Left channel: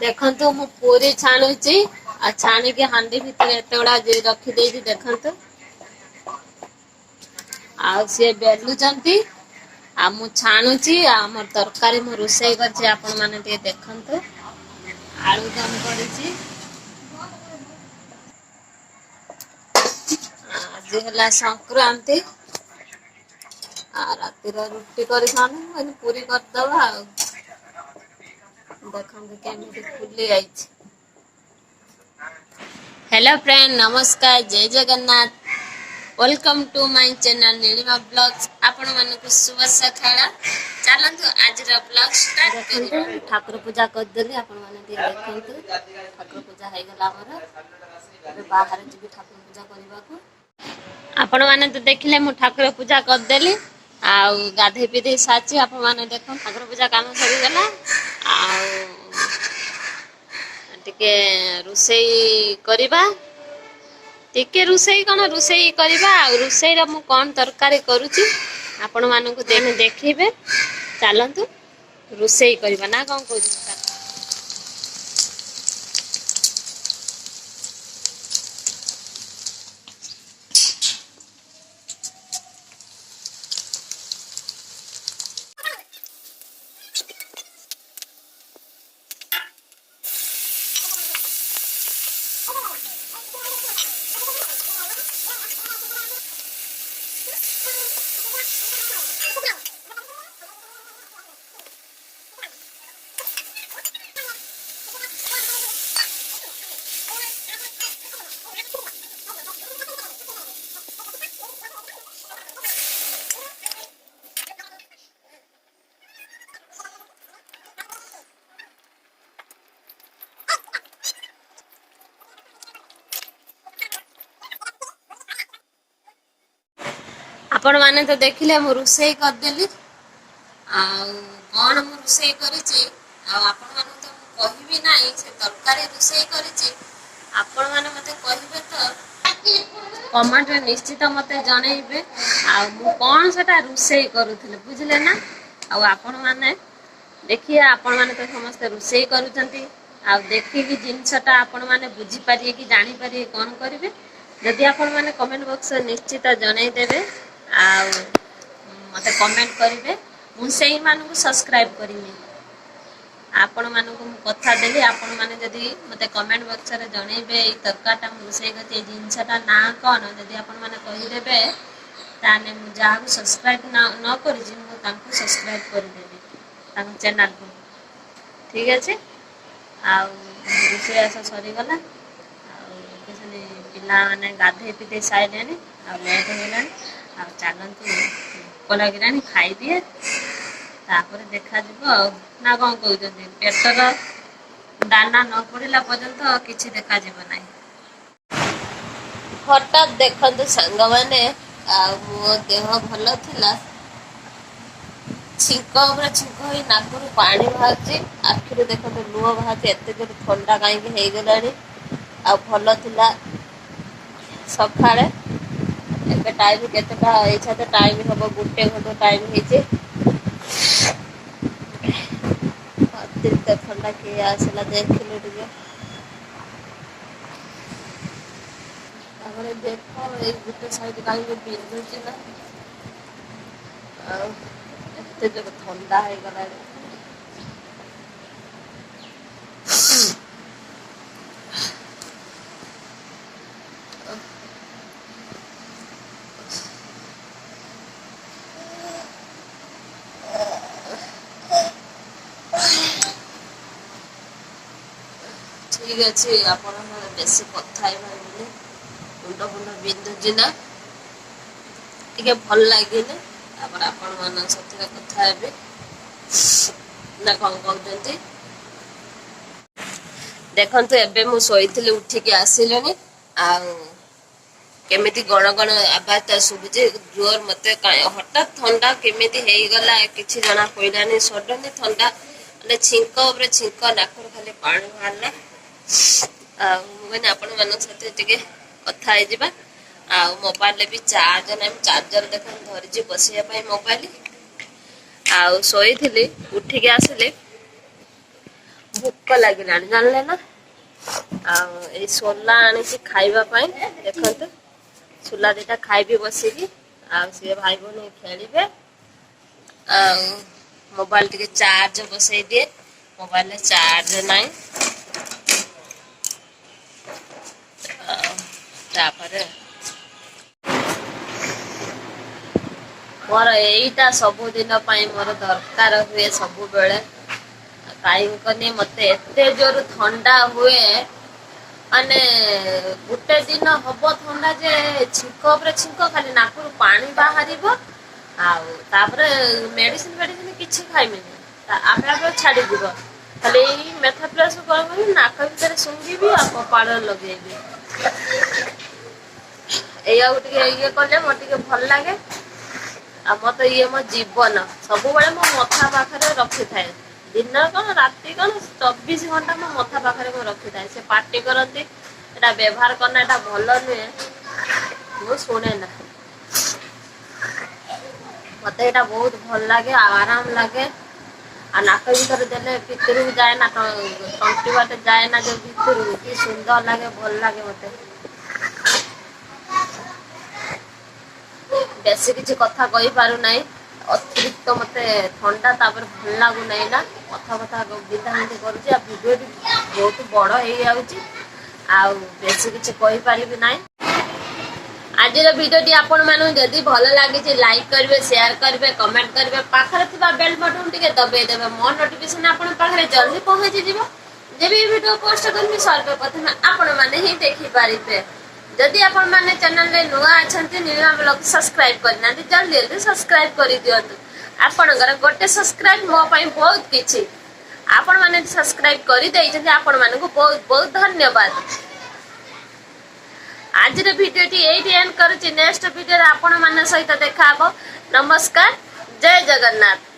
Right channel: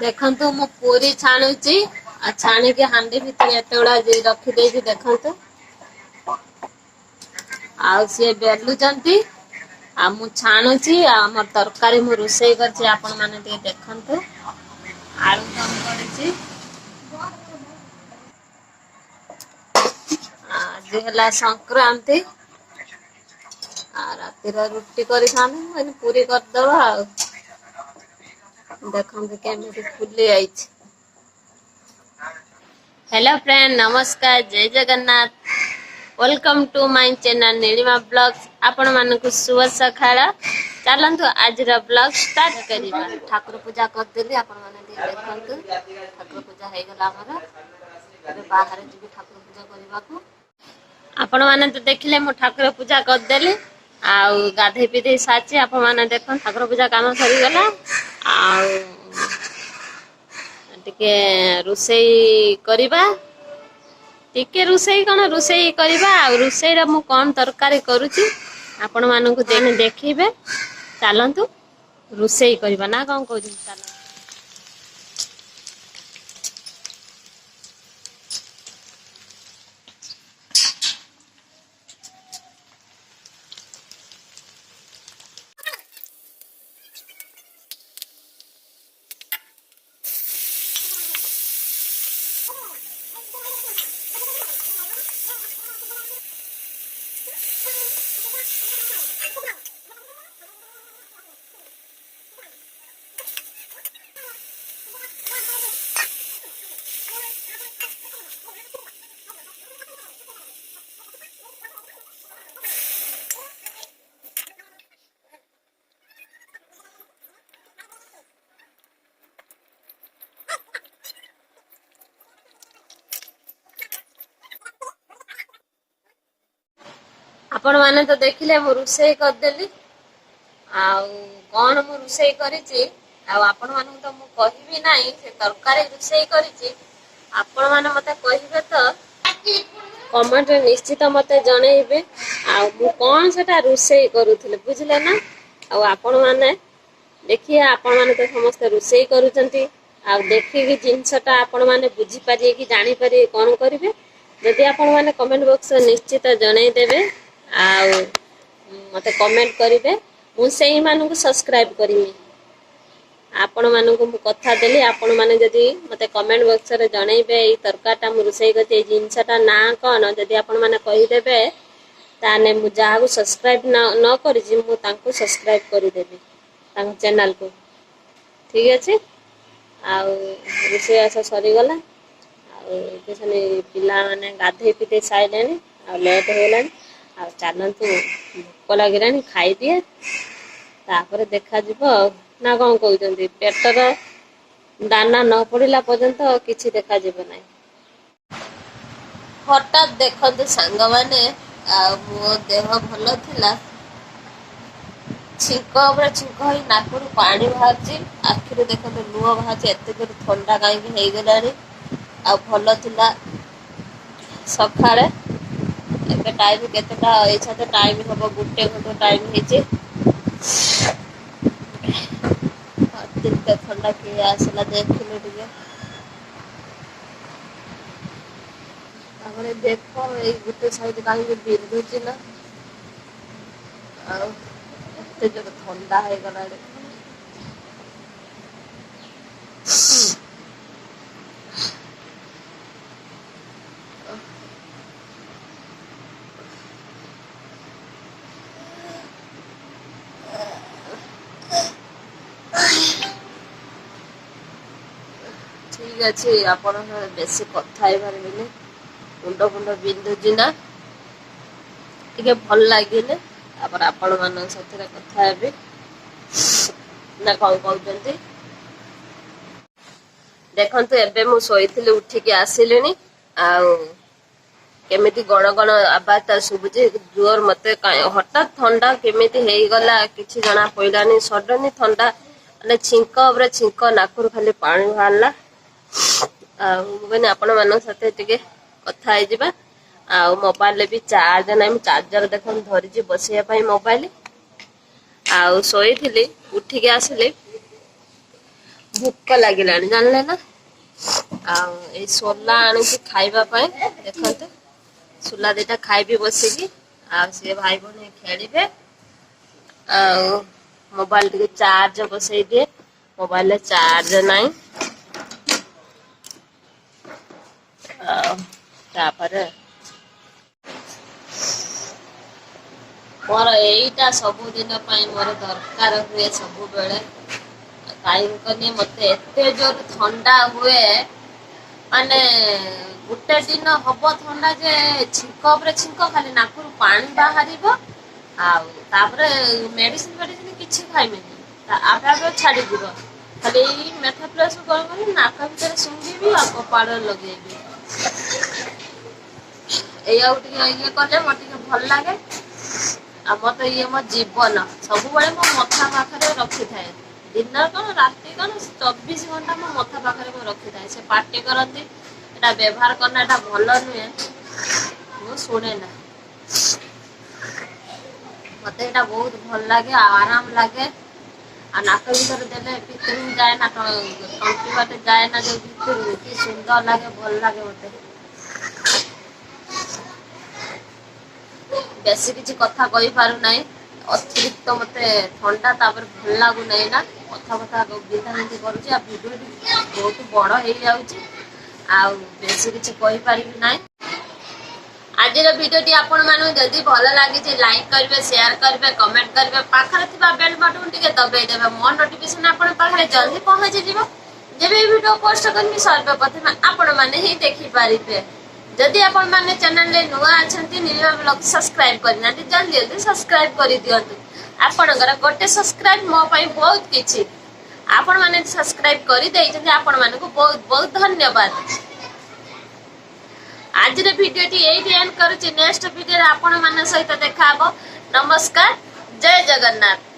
देखंतु मु पूरी छाणुची आ छाणी के हांडी भीतर एते गुडा रखी देइछि देखंतु आ से बेलुचंती आ मु छाणुची आ हमर तरकारी मु रोषेई करछि आपण माने ते देखंतु आलू दम करछि आज हला संक्रांति आ रातिर रुटी करि खानु पूरी कर दवा देखंतु केमिति फुली आइछि। हेलो फ्रेंड नमस्कार जय Jagannath welcome to my channel Nilima blogs आपण मानकु शुभ सखाळ चलंतु आज रा ब्लॉग स्टार्ट करिबा। ठाकुर पूजा कर देली आपण माने देखंतु ठाकुर पूजा हे गेला हमर अरे बाहर जी ठाकुर पूजा करबा को आपण माने तो देखिले मु ठाकुर पूजा कर देली आउ गाधे पीधे साची आपण माने देखन ठाकुर पूजा काम सरी गेला आउ टिके रुसेई करिबा टिके रुसेई कोन रुसेई करिबा आ रुसेई रा मु कोन तरकारी करूची आपण मानकु देखिबे चलंतु रुसेई करिबा ना कोन कहू। आपण माने तो देखिले मु रुसेई कर देली आउ कोन मु रुसेई करिछि आ आपण माने तो मु कहिबी नाही से तरकारी रुसेई करिछि आपण माने मते कहिबे तो कमेंट रे निश्चित मते जणैबे आ मु कोन सेटा रुसेई करूथिले बुझले ना आ आपण माने देखिए आपण माने तो समस्त रुसेई करूचंती आ देखि कि जिंसटा आपण माने बुझी पारिए कि जानि पारिए कोन करिवे जदि आपण माने कमेंट बॉक्स निश्चित जणै देबे आउ मते कमेंट करिवे मु सेही मानकु सब्सक्राइब करिमी आपण मानकु मु कथा देली आपण माने जदि मते कमेंट बॉक्स रे जणैबे ई तरकाटा मु रुसेई गते ई जिंसटा ना कोन जदि आपण माने कहि देबे ताने मु जाहु सब्सक्राइब न करिजि मु तांको सब्सक्राइब करि देबी तांको चैनल को ठीक अछि। आउ रुसेई आसा सरी गला आउ केसने पिला माने गाधे पिते साइलेनी आ लेट हेलानी आ चलंतु भूख लगिरानी खाई दिए तापर देखा जीवो ना कोन कहउचंदी पेटर दाना न पड़िला पर्यंत किछि देखा जीवो नाही। हठात देखंतु संग माने आ मो देह भलो थिला छिंक ऊपर छिंक होई नाकुरु पानी बाहरची आखिरु देखंतु लुह बाहरची एते जोर ठंडा काई हे गेलानी आ भलो थिला सखाळे एबे टाइम केतेटा एछा तो टाइम हबो गुटे घंटा टाइम हेचे अतिरिक्त ठंडा के आसला देखिलो दिए तापरे देखो ए गुटे साइड काई के बिंदुची ना आ एते जो ठंडा हे गलाडे ठीक अच्छे आपण बेसी कथा ही पारे मुंड फुंड बिंधुची ना टिके भल लगे आपण मान साथी कथा हे ना कौन कहते देखंतु एबे मु सोईथिली उठिकी आसिलेनी आउ केमिति गण गण आवाज ता सुबुजे जोर मते हठात ठंडा केमिति हेई गला किछि जना पइलानी सडनली ठंडा माने छिंक ऊपर छिंक नाकुर खाली पानी बाहरला मैंने आपण मान साथे टिके कथा हे जिबा आ मोबाइल भी चार्ज नाही चार्जर देखन धरिछि बसिया पई मोबाइल आ सोईथिली उठिकी आसिले भोक लगिलानी जानले ना आ सोला आनी खाइबा पाई देखते सोला दीटा खाइबी बसिकी आ सी भाई बहन खेलिबे आ मोबाइल टिके चार्ज बसई दिए मोबाइल चार्ज नहीं मोर एटा सबुदिन मोर दरकार हुए सब बेले कहीं मत एत जोर ठंडा हुए माने गोटे दिन हम ठंडा जे छिंक पर छिंक खाली नाकुर पानी बाहर मेडिसिन मेडिसिन किसी खाइबेनि आपे आपे छाड़ी दिव खाली मेथाप्लस कर नाक भीतर शुंघी आ कपाड़ लगेबी ये कले मोटे भल लगे आ मत ये मो जीवन सब मो मथा पाखे रखी थाए दिन कौन राति कौन 24 घंटा मो मथा पाखे रखी थाए से पार्टी करती व्यवहार करना एटा भल नुहे मु शुणे ना मत यहाँ बहुत भल लगे आराम लगे आ नाक भीतर देने भितर जाए ना तंटी बाटे जाए ना जो भितर कि सुंदर लगे भल लगे मत बेसी किसी कथा कही पारू ना अतिरिक्त मत ठंडा तापर भल लगू ना ना कथा कथा बिंधा बिंधी करुचे भिडियो बहुत बड़ हो बेसी किसी कही पारि ना आज भिडियो आपण मानू जदि भल लगी लाइक करेंगे शेयर करेंगे कमेंट करेंगे पाखरे बेल बटन टिके दबाई देवे मो नोटिफिकेशन आपण पाखरे जल्दी पहुंची जीवो जब ये वीडियो पोस्ट करमी सर्वप्रथम आपण माने ही देखि पारिबे जदि आपण माने चैनल रे नुआ अछंती नीलिमा ब्लॉग सब्सक्राइब करना जल्दी जल्दी सब्सक्राइब कर दियंतु आपणकर गोटे सब्सक्राइब मो पई बहुत किछि आपण माने सब्सक्राइब कर देइछन आपण मानकु बहुत बहुत धन्यवाद आज भिडियो टी एंड करुछि नेक्स्ट भिडियो आपण मान सहित देखा नमस्कार जय जगन्नाथ।